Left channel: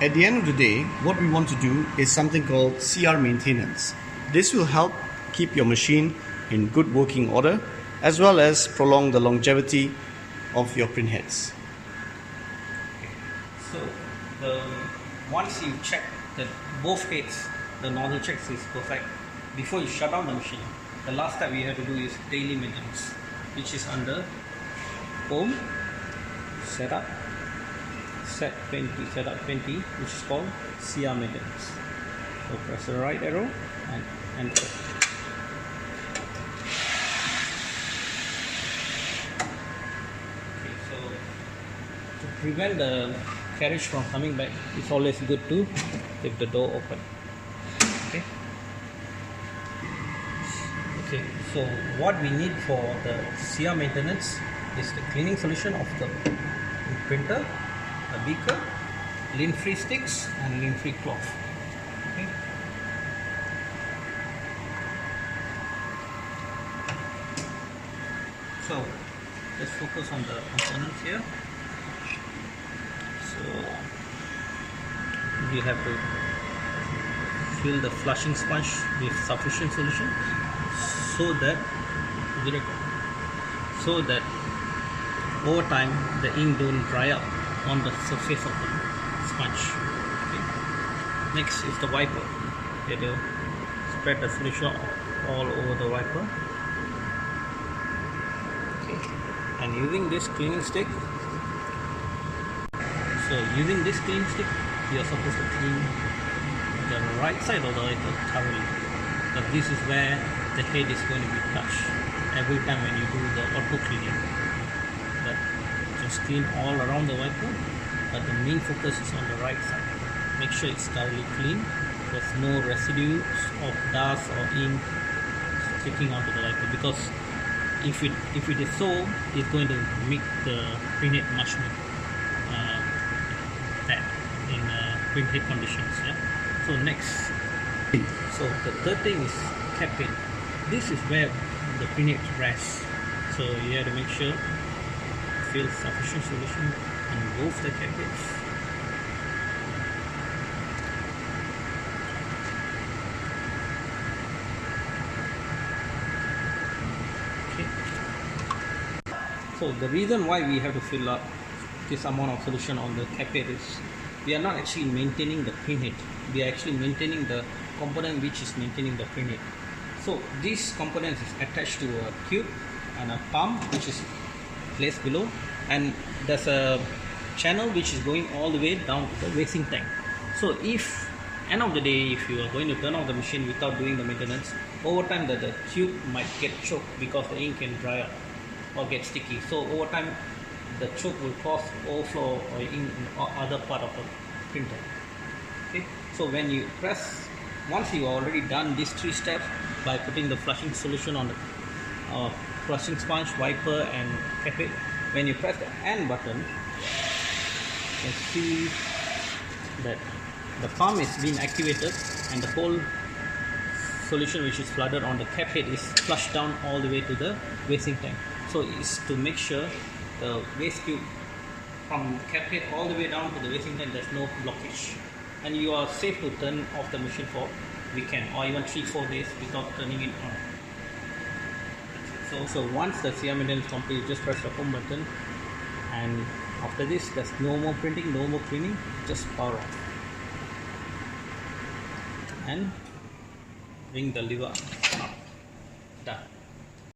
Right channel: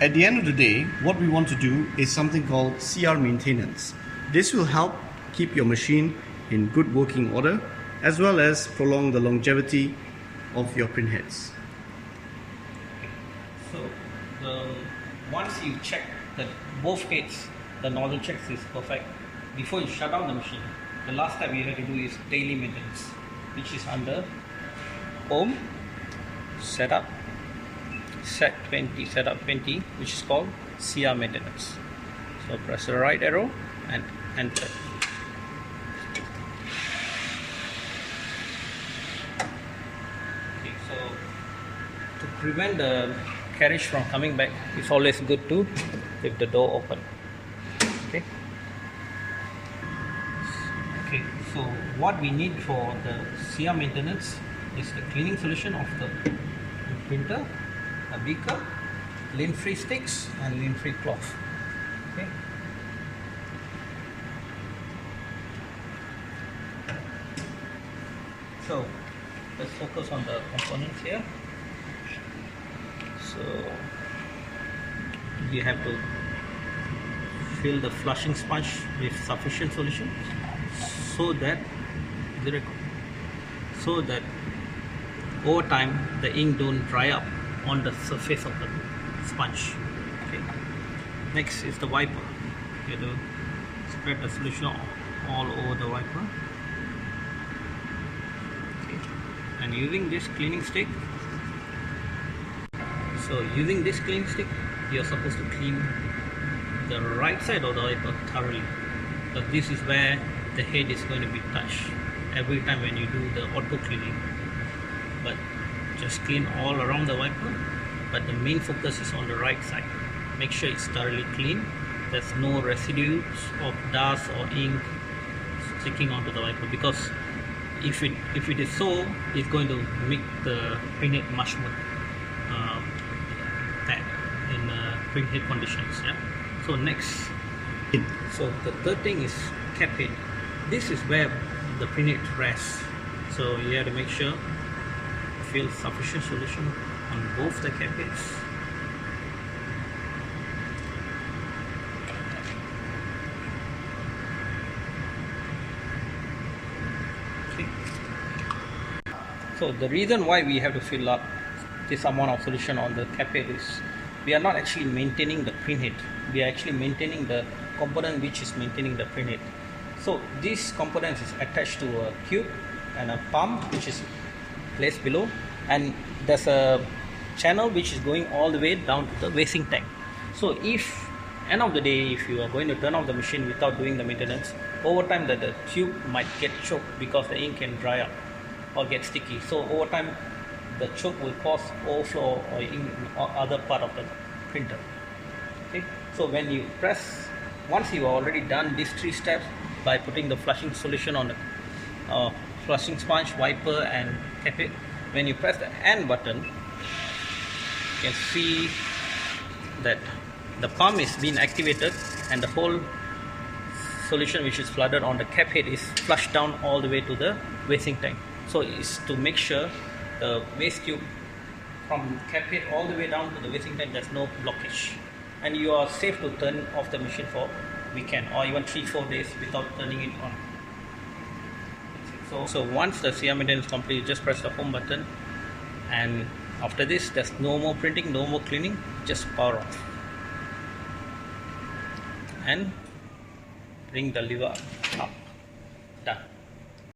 At the end of the day, what we want to do is something called CR maintenance. This will help keep your machine in good working order as well as prolong the longevity of your printheads. So once you check that both heads, the nozzle checks is perfect, before you shut down the machine, the last step you have to do is daily maintenance, which is under home, setup, set 20, setup 20, which is called CR maintenance. So press the right arrow and enter. Okay, so to prevent the carriage from coming back, it's always good to leave the door open. Okay. Okay, so what we need for the CR maintenance is the cleaning solution of the printer, a beaker, lint-free sticks and lint-free cloth. Okay. So let's focus on the components here. So you have to fill the flushing sponge with sufficient solution so that over time the ink don't dry up on the surface of the sponge. Okay. Next is the wiper. You have to spread the solution all over the wiper. Okay. And using this cleaning stick, you are supposed to clean the right side of the wiper thoroughly, but this is where the head is going to be touched every time when you do the auto cleaning. But just clean all around the wiper, but the main focus is on the right side. Make sure it's thoroughly clean, there's no residues of dust or ink sticking onto the wiper, because if it is so, it's going to make the printhead much more bad in printhead conditions. Yeah? So next, so the third thing is cap head. This is where the printhead rests, so you have to make sure fill sufficient solution on both the cap heads. Okay. So the reason why we have to fill up this amount of solution on the cap head is we are not actually maintaining the printhead, we are actually maintaining the component which is maintaining the printhead. So this component is attached to a tube and a pump which is placed below, and there's a channel which is going all the way down to the wasting tank. So if end of the day, if you are going to turn off the machine without doing the maintenance, over time the tube might get choked because the ink can dry up or get sticky. So over time the choke will cause overflow or ink in other part of the printer. Okay, so when you press, once you already done these three steps by putting the flushing solution on the flushing sponge, wiper and cap head, when you press the end button, you can see that the pump is being activated and the whole solution which is flooded on the cap head is flushed down all the way to the wasting tank. So it's to make sure the waste tube from cap head all the way down to the wasting tank, there's no blockage, and you are safe to turn off the machine for weekend or even 3-4 days without turning it on. So once the CR maintenance is complete, just press the home button, and after this there's no more printing, no more cleaning, just power off and bring the lever up. Done.